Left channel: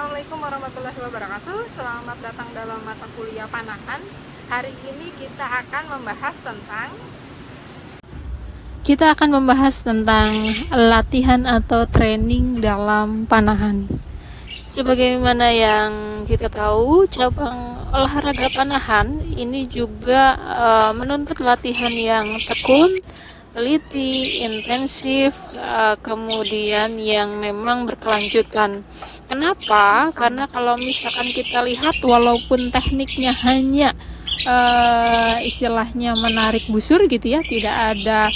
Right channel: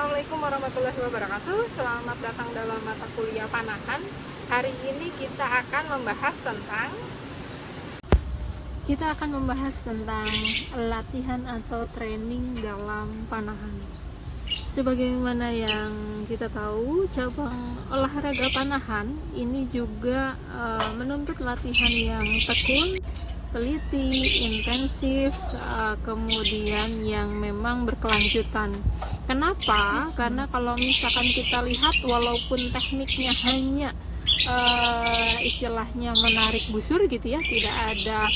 Assalamualaikum warahmatullahi wabarakatuh. Selamat datang dalam mata kuliah panahan. Hari ini kita akan membahas tentang latihan atau training dalam panahan. Sebagaimana yang kita tahu, cabang olahraga panahan ini juga menuntut latihan yang tekun, teliti, intensif, kemudian yang memang berkelanjutan. Kenapa? Karena kalau misalkan kita lihat, walaupun tekniknya hanya istilahnya menarik busur gitu ya, tidak ada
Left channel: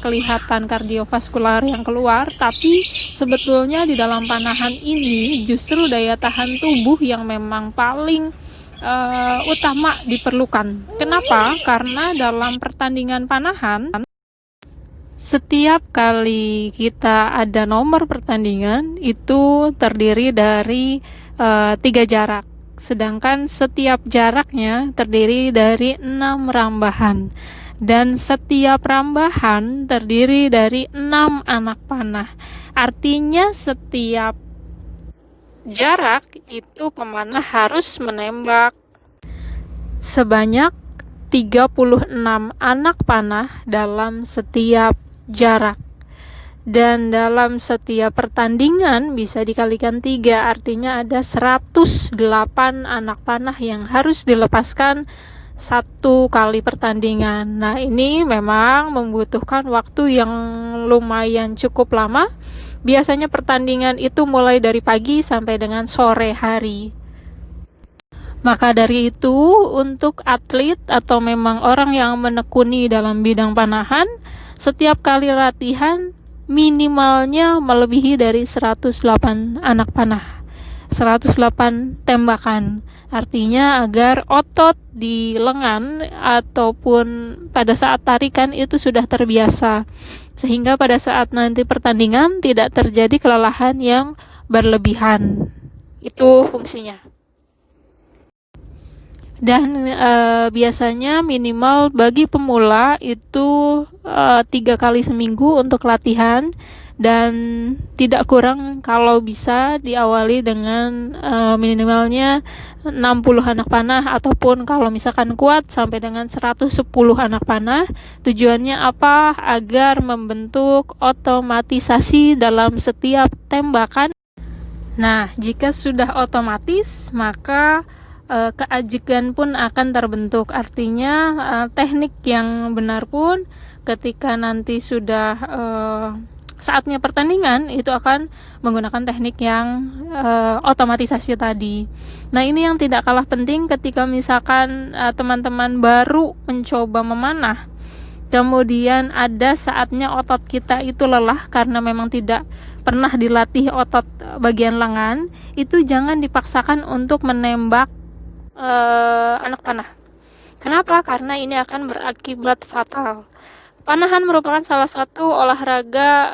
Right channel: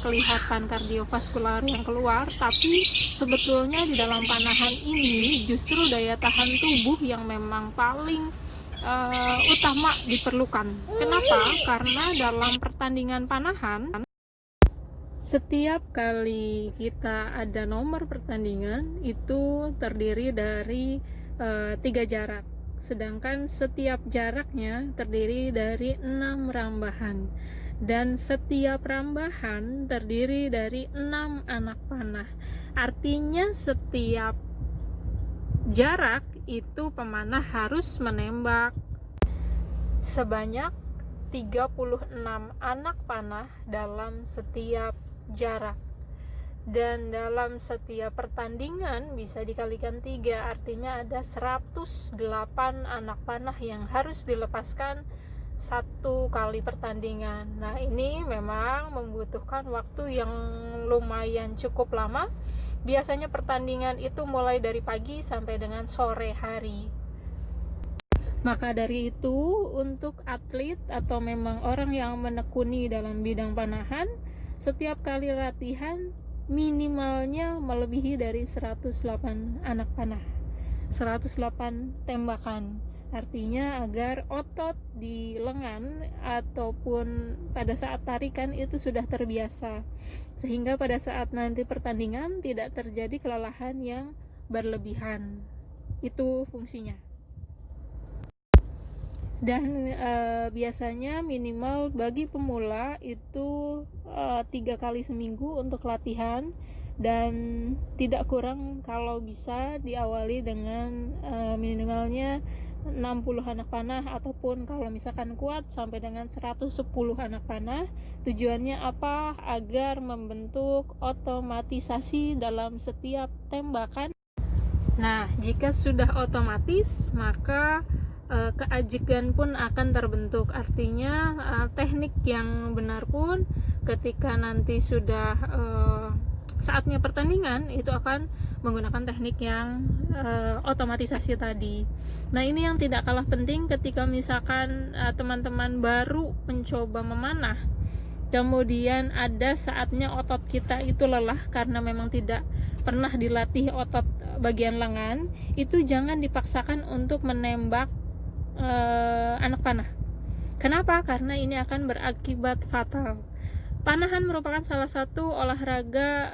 kelihatan kardiovaskular yang keluar, tapi sebetulnya di dalam panahan ini justru daya tahan tubuh yang memang paling utama diperlukan. Kenapa? Karena dalam pertandingan panahan, setiap kali kita ada nomor pertandingan itu terdiri dari 3 jarak, sedangkan setiap jaraknya terdiri dari 6 rambahan, dan setiap rambahan terdiri dari 6 anak panah. Artinya setiap jarak itu pemanah harus menembak sebanyak 36 anak panah dalam setiap jarak, dan dalam setiap pertandingan bisa dikalikan 3, artinya ada 108 anak panah yang harus dilepaskan satu kali pertandingan. Nah, ini memang membutuhkan waktu yang lumayan cukup lama. Biasanya pertandingan itu mulai dari pagi sampai dengan sore hari. Maka dari itu, untuk atlet atau memang orang yang menekuni dalam bidang panahan, setiap kali latihan minimalnya melebihi dari 108 anak panah, 108 tembakan. Artinya agar otot di lengan ataupun pada saat tarikan itu sudah terbiasa, sehingga pada saat nanti pertandingan tidak terjadi kelelahan yang berlebihan. Itu fungsinya. Dan biasanya minimal bagi pemula itu 3 kali seminggu untuk latihan, dan tidak kurang kalau bisa diawali dengan minimalnya 60 anak panah, ataupun kalau misalkan kuat sampai dengan 110 anak panah. Tujuannya apa? Agar membentuk otomatisasi dalam setiap tembakan. Nah, jika sudah otomatis, maka keajikan pun akan terbentuk. Artinya teknik yang benar pun ketika nanti sudah saatnya pertandingan itu akan menggunakan teknik yang otomatisasi tadi. Nah, ini yang tidak kalah penting ketika misalkan teman-teman baru mencoba memanah, kemudian ada saatnya otot kita itu lelah karena memang tidak pernah dilatih otot bagian lengan, itu jangan dipaksakan untuk menembak anak panah. Kenapa? Karena ini akan berakibat fatal. Panahan merupakan salah satu olahraga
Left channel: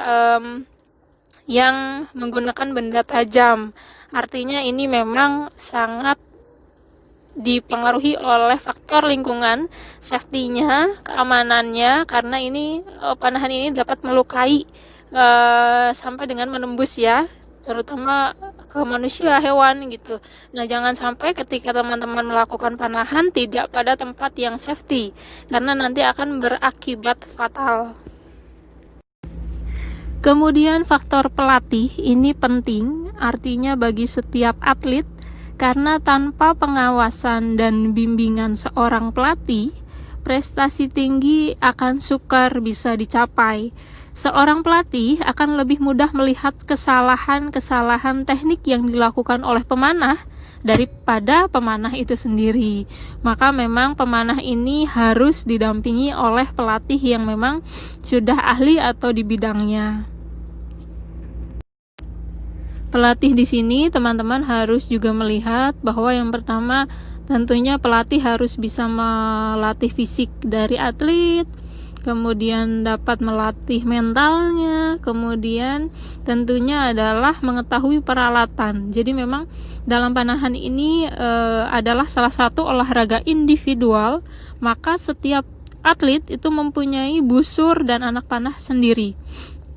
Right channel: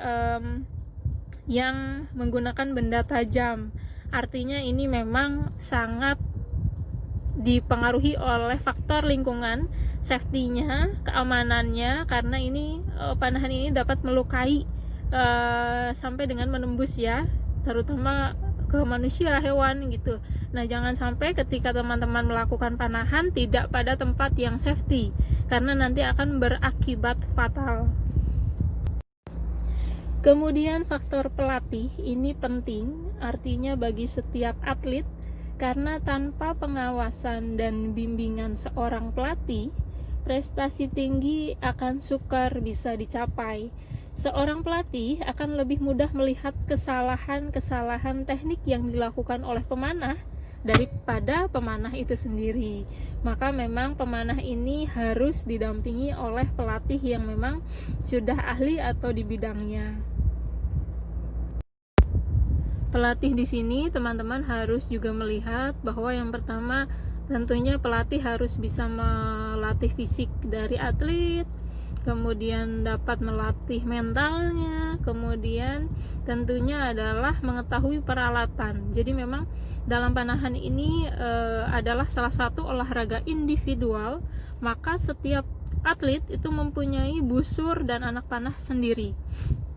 yang menggunakan benda tajam. Artinya ini memang sangat dipengaruhi oleh faktor lingkungan, safety-nya, keamanannya, karena ini panahan ini dapat melukai sampai dengan menembus ya, terutama ke manusia, hewan gitu. Nah, jangan sampai ketika teman-teman melakukan panahan tidak pada tempat yang safety, karena nanti akan berakibat fatal. Kemudian faktor pelatih ini penting, artinya bagi setiap atlet, karena tanpa pengawasan dan bimbingan seorang pelatih, prestasi tinggi akan sukar bisa dicapai. Seorang pelatih akan lebih mudah melihat kesalahan-kesalahan teknik yang dilakukan oleh pemanah daripada pemanah itu sendiri. Maka memang pemanah ini harus didampingi oleh pelatih yang memang sudah ahli atau di bidangnya. Pelatih di sini teman-teman harus juga melihat bahwa yang pertama tentunya pelatih harus bisa melatih fisik dari atlet, kemudian dapat melatih mentalnya, kemudian tentunya adalah mengetahui peralatan. Jadi memang dalam panahan ini adalah salah satu olahraga individual, maka setiap atlet itu mempunyai busur dan anak panah sendiri.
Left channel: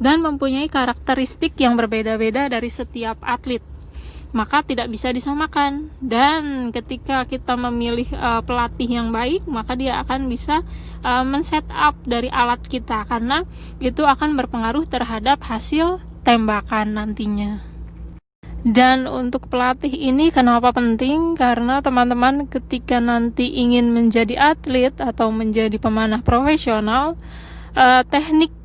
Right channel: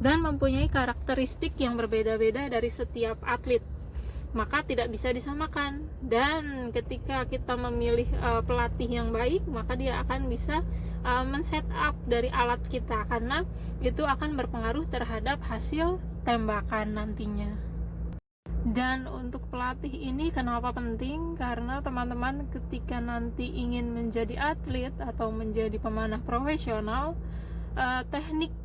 dan mempunyai karakteristik yang berbeda-beda dari setiap atlet, maka tidak bisa disamakan. Dan ketika kita memilih pelatih yang baik, maka dia akan bisa men-set up dari alat kita, karena itu akan berpengaruh terhadap hasil tembakan nantinya. Dan untuk pelatih ini kenapa penting? Karena teman-teman ketika nanti ingin menjadi atlet atau menjadi pemanah profesional, teknik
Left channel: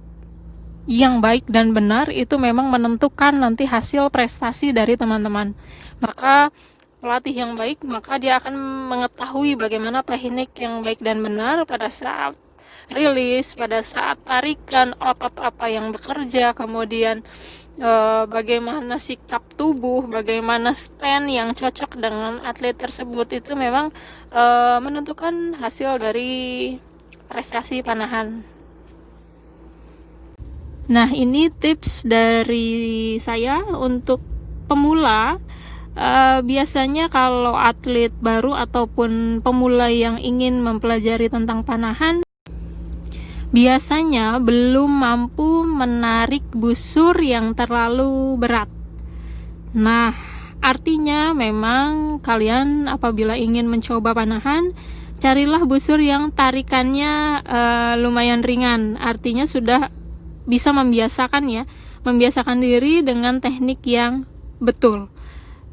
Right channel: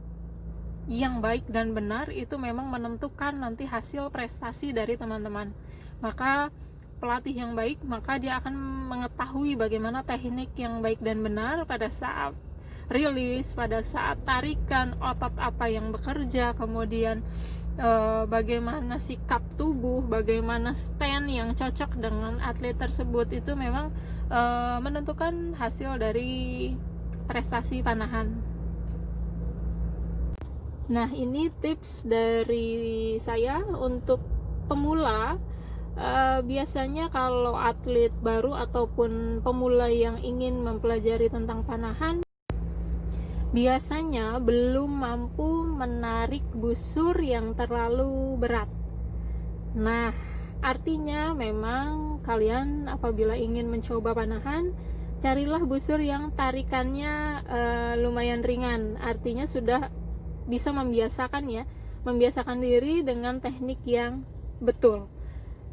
yang baik dan benar itu memang menentukan nanti hasil prestasi dari teman-teman. Maka pelatih yang baik, maka dia akan mengetahui bagaimana teknik yang baik dan benar pada saat rilis, pada saat tarikan, otot apa yang bekerja, kemudian bagaimana sikap tubuh, bagaimana stand yang cocok dengan atlet tersebut. Itu memang menentukan hasil dari prestasi panahan. Nah, ini tips dari saya untuk pemula. Biasanya kalau atlet baru ataupun pemula yang ingin mempelajari tentang panahan, biasanya belum mampu menarik busur yang terlalu berat. Nah, artinya memang kalian apabila ingin mencoba panahan, carilah busur yang tarikannya lumayan ringan. Artinya sudah bisa membiasakan diri dengan teknik yang betul.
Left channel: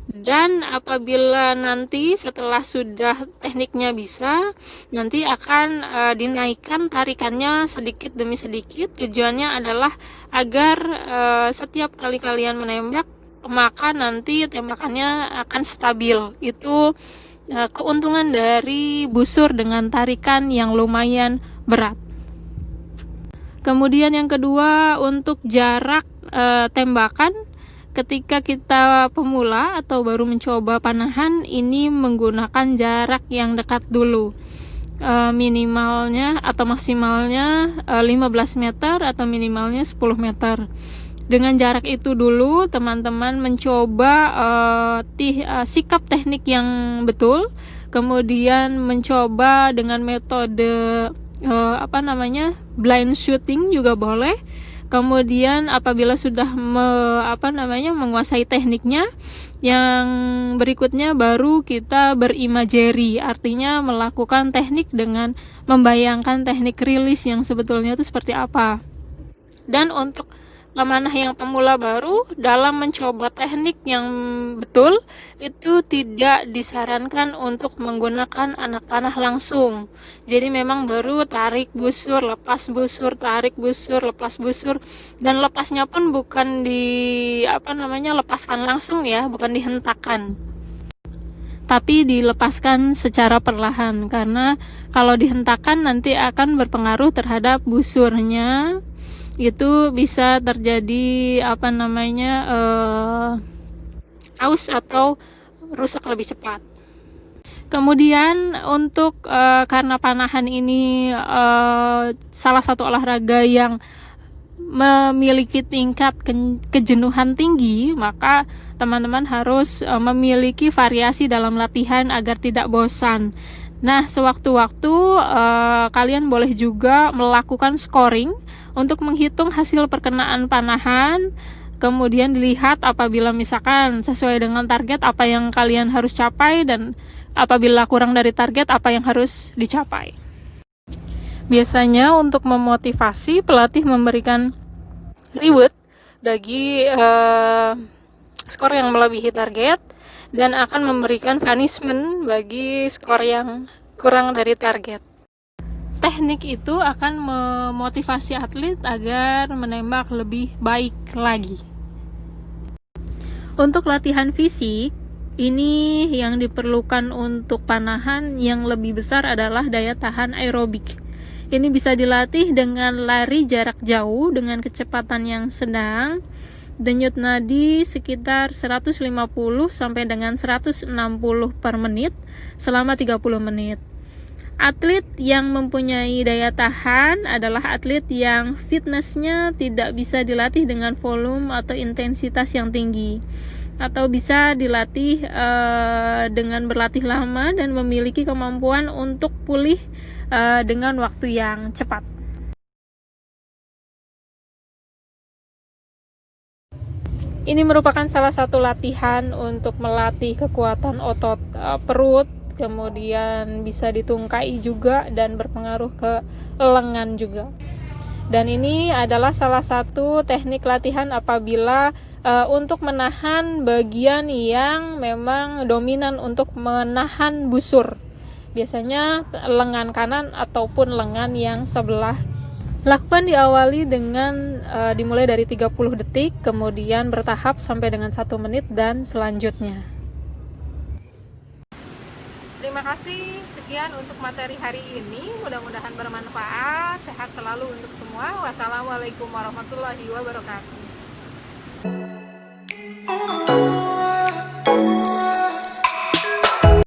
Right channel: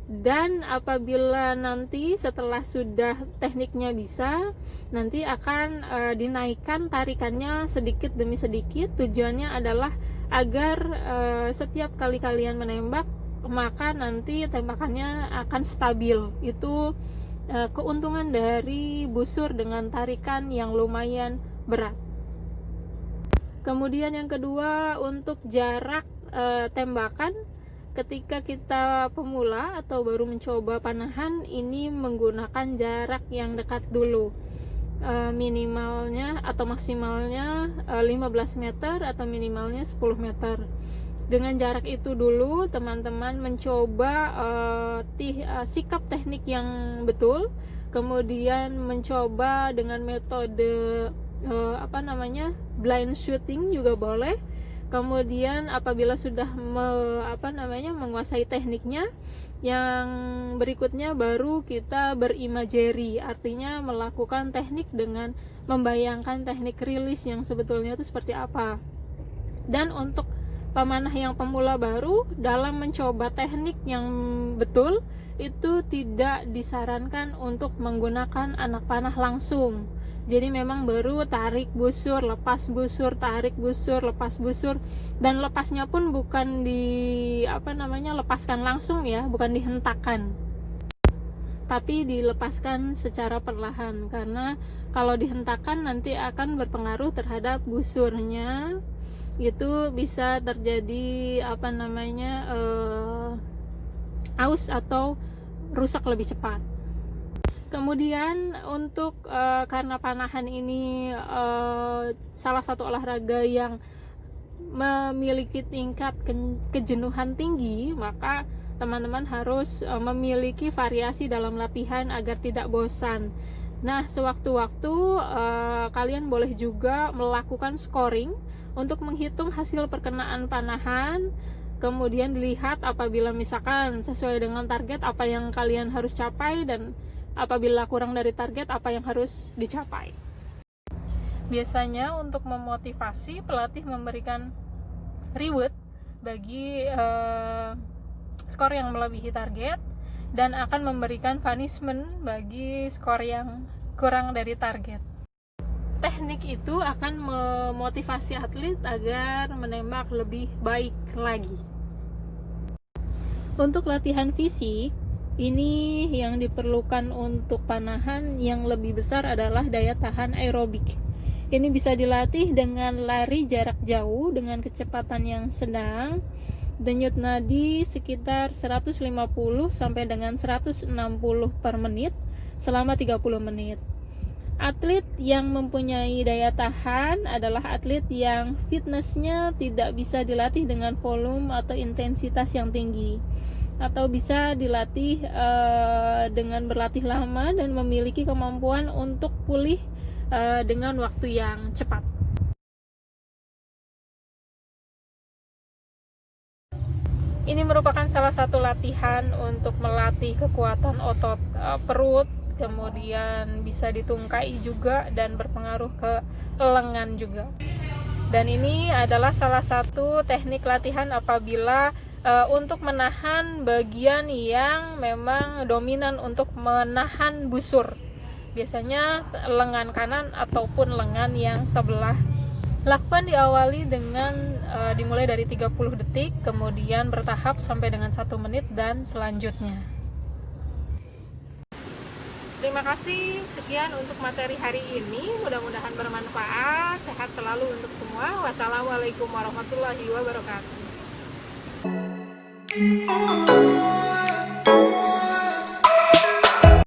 Dan apabila nanti setelah sudah tekniknya bisa, nanti akan dinaikkan tarikannya sedikit demi sedikit. Tujuannya adalah agar setiap kali kalian menembak, maka nanti tembakannya akan stabil. Itu keuntungan dari busur dengan tarikan yang lumayan berat. Kemudian yang kedua, untuk jarak tembakan. Ketika kita pemula atau baru mencoba panahan, ini menggunakan jarak yang dekat dulu. Minimalnya atau maksimalnya 15 meter atau minimalnya 10 meter. Dengan jarak itu dulu teman-teman mencoba sikap teknik yang betul, kemudian mencoba dengan metode blind shooting juga boleh. Kemudian apabila sudah menguasai tekniknya, yang berikutnya baru kita berimagery, artinya melakukan teknik dengan membayangkan teknik rilis yang sebetulnya itu seperti apa. Dan untuk pemanah yang pemula baru, dalam mencoba teknik yang betul itu tidak disarankan untuk menggunakan anak panah langsung. Jadi memang baru tarik busur, lepas busur, tarik busur, lepas busur, dan lepasnya pun bukan lepaskan langsung ya, bukan dihentakkan, tapi dilepaskan secara perlahan, karena kalau dihentakkan nanti akan berpengaruh terhadap busurnya. Itu bisa terjadi aus atau rusak lebih cepat. Kemudian untuk karena panahan ini salah satu olahraga yang memiliki tingkat kejenuhan tinggi, maka teman-teman harus memiliki variasi dalam latihan agar tidak bosan. Nah, sewaktu-waktu kalian boleh juga melakukan scoring untuk menghitung hasil perkenaan panahan. Kemudian dilihat apabila misalkan sesuai dengan target apa yang kalian harus capai, dan apabila kurang dari target apa yang harus dicapai. Biasanya untuk memotivasi, pelatih memberikan reward bagi skor yang melebihi target, dan akan memberikan punishment bagi skor yang kurang dari target. Teknik itu akan memotivasi atlet agar menembak lebih baik lagi. Untuk latihan fisik, ini yang diperlukan untuk panahan yang lebih besar adalah daya tahan aerobik. Ini bisa dilatih dengan lari jarak jauh dengan kecepatan yang sedang, denyut nadi sekitar 150 sampai dengan 160 per menit selama 30 menit. Atlet yang mempunyai daya tahan adalah atlet yang fitnessnya tidak bisa dilatih dengan volume atau intensitas yang tinggi, atau bisa dilatih dengan berlatih lama dan memiliki kemampuan untuk pulih dengan waktu yang cepat. Ini merupakan salah satu latihan untuk melatih kekuatan otot perut, kemudian bisa ditungkai juga dan berpengaruh ke lengan juga. Dan ini adalah salah satu teknik latihan apabila untuk menahan bagian yang memang dominan untuk menahan busur. Biasanya lengan kanan ataupun lengan yang sebelah. Lakukan diawali dengan dimulai dari 30 detik, kemudian bertahap sampai dengan 1 menit dan selanjutnya. Terima kasih, sekian untuk materi hari ini. Mudah-mudahan bermanfaat. Sehat selalu untuk semua. Wassalamualaikum warahmatullahi wabarakatuh.